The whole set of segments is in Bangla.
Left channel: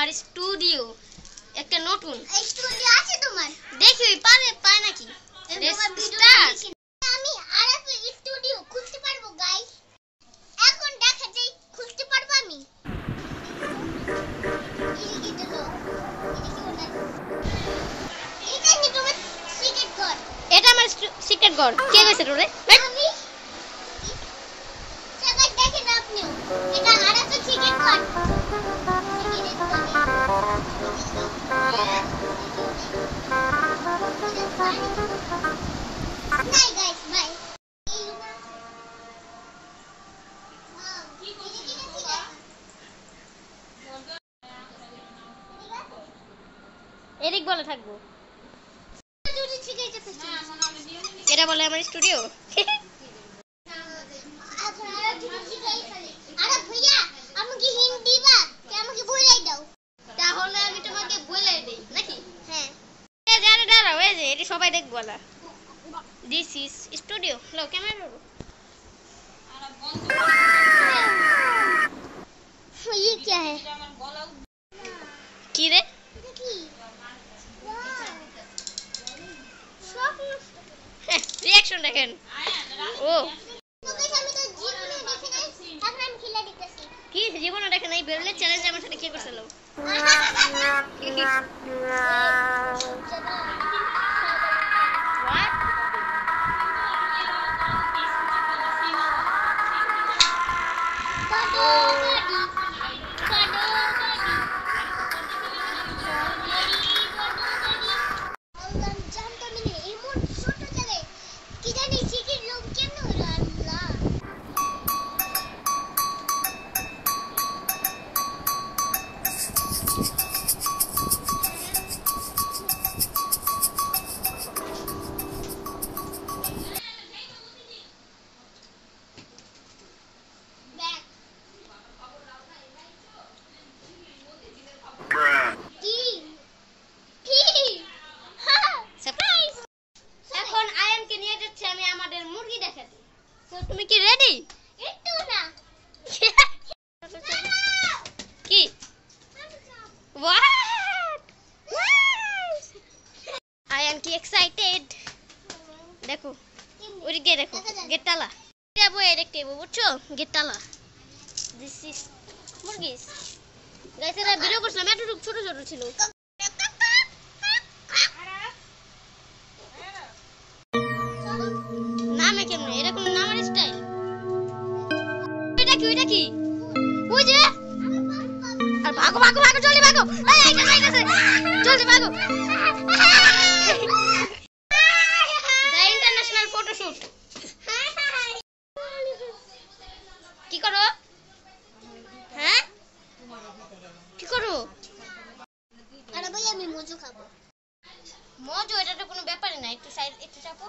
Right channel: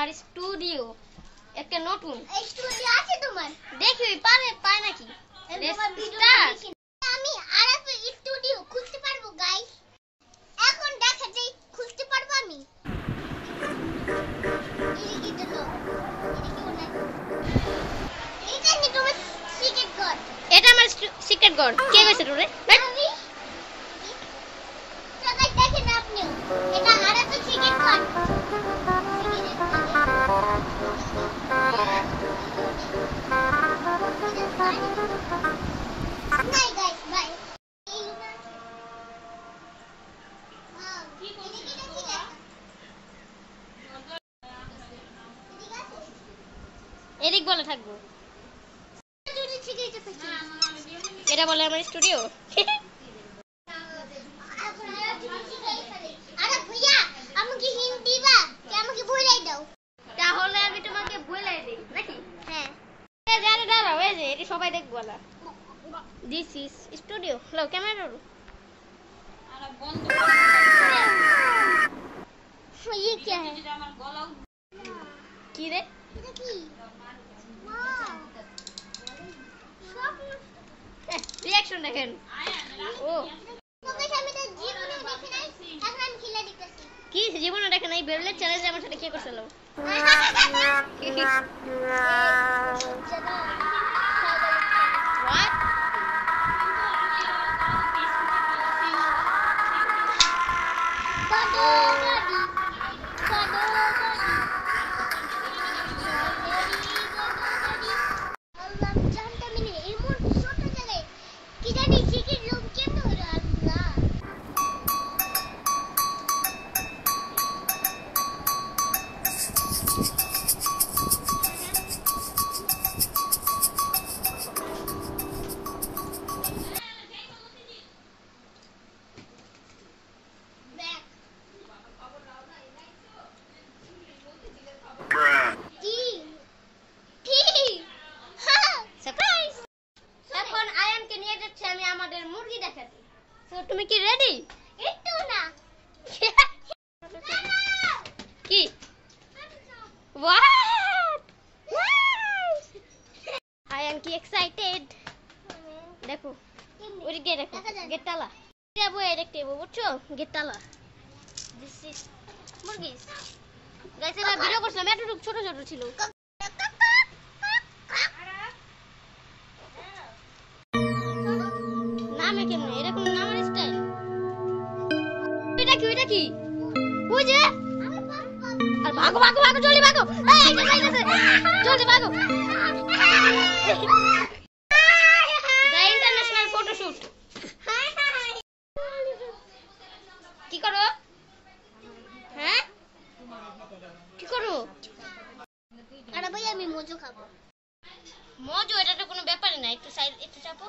আমার স্টুডিও একটা নতুন স্টুডিও আছে তোমার? দেখি পায় নাকি। আমি আরাফের স্টুডিও খুলতে পারবো গাইস? এখন দেখা যাই খুলতে পারবো আমি। এটা কি তোমার সিক্রেট ঘর? এটা আমার সিক্রেট ঘর। কে কইছে তোরে? আমি সবাই দেখেন আপনি, এটা আরাফের সিক্রেট ঘর। নাই গাইস বাই। এদিক বলে থাকবো। এটা বলে আমার স্টুডিও। আরে ভাইয়া আমাকে হিন্ট দিবা? কি আমাকে বলাই দাও? তাহলে আমি তোমাকে বলে দেই নাকি? হ্যাঁ। এই যে আরে দাঁড়াও, এই যে এটি সবাই দেখবো না। This is studio. লো ক্যামেরা লো। ये क्या है? কি রে? রিঅ্যাকশন দেখেন। ও কি জীবনে দেখে নাই? বেরলে চ্যালেঞ্জ আমার সাথে কি করছিল? তুমি কি রেডি? একটু না। কি? What? I am কি excited? দেখো ওই দিকে দেখো, গেট তালা। যাবো দেখতে যাবো, বুঝছো? গেট তালা। This is মুরগিস। গাইস এরা ভিডিও করছিলাম, এতটুকু ছোট ছোট ছিল। নামে কেমনে? এটা কোন নামের স্টাইল? ওইটা কি? ওই যে আর ভাগো জলদি ভাগো। এই যাইতাছে জলদি ভাগো। The international photoshoot. কি করো? হ্যাঁ কি করো? আরে ভাই আমি মজু খাবো। মজু এটা তো কোনো ব্যাপারই না। একটু সাইড একটু চাপো।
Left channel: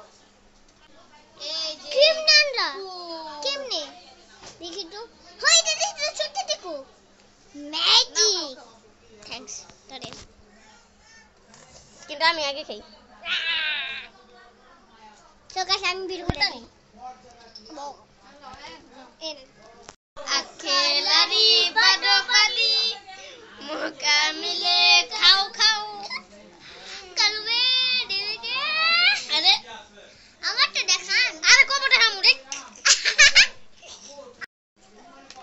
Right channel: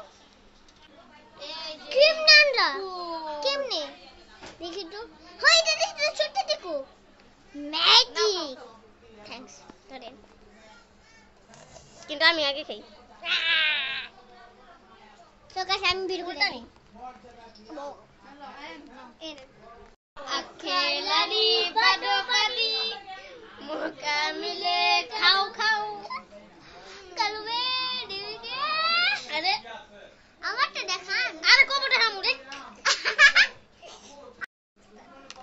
এই যে কেমনে আনরা? কেমনে দেখি তো। হয় এটা দেখো ছোট দেখো। ম্যাজিক। থ্যাঙ্কস ধরেন। কিন্তু আমি আগে খাই। চোখাস আমি বের করে দিই। আখেলারি বাদো পালি মুকা মিলে খাও কালবে দিকে। আরে আমারটা দেখান। আরে কবটা হামু রে।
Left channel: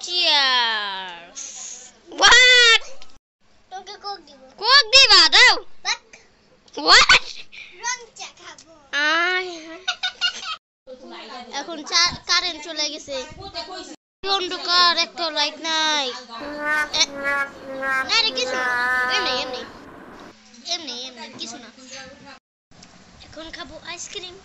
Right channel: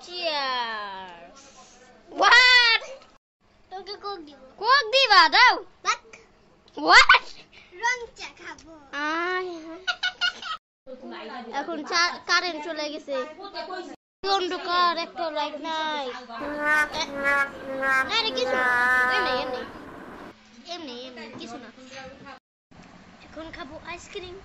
চিয়ার্স। হোয়াট? তোকে কোক দিব। কোক দিবা? দাও। বাক হোয়াট? রং চা খাবো। এখন কারেন্ট চলে গেছে। অন্ধকার, একটা লাইট নাই। আরে কিছু না, এমনি কিছু না। এখন খাবো আইসক্রিম।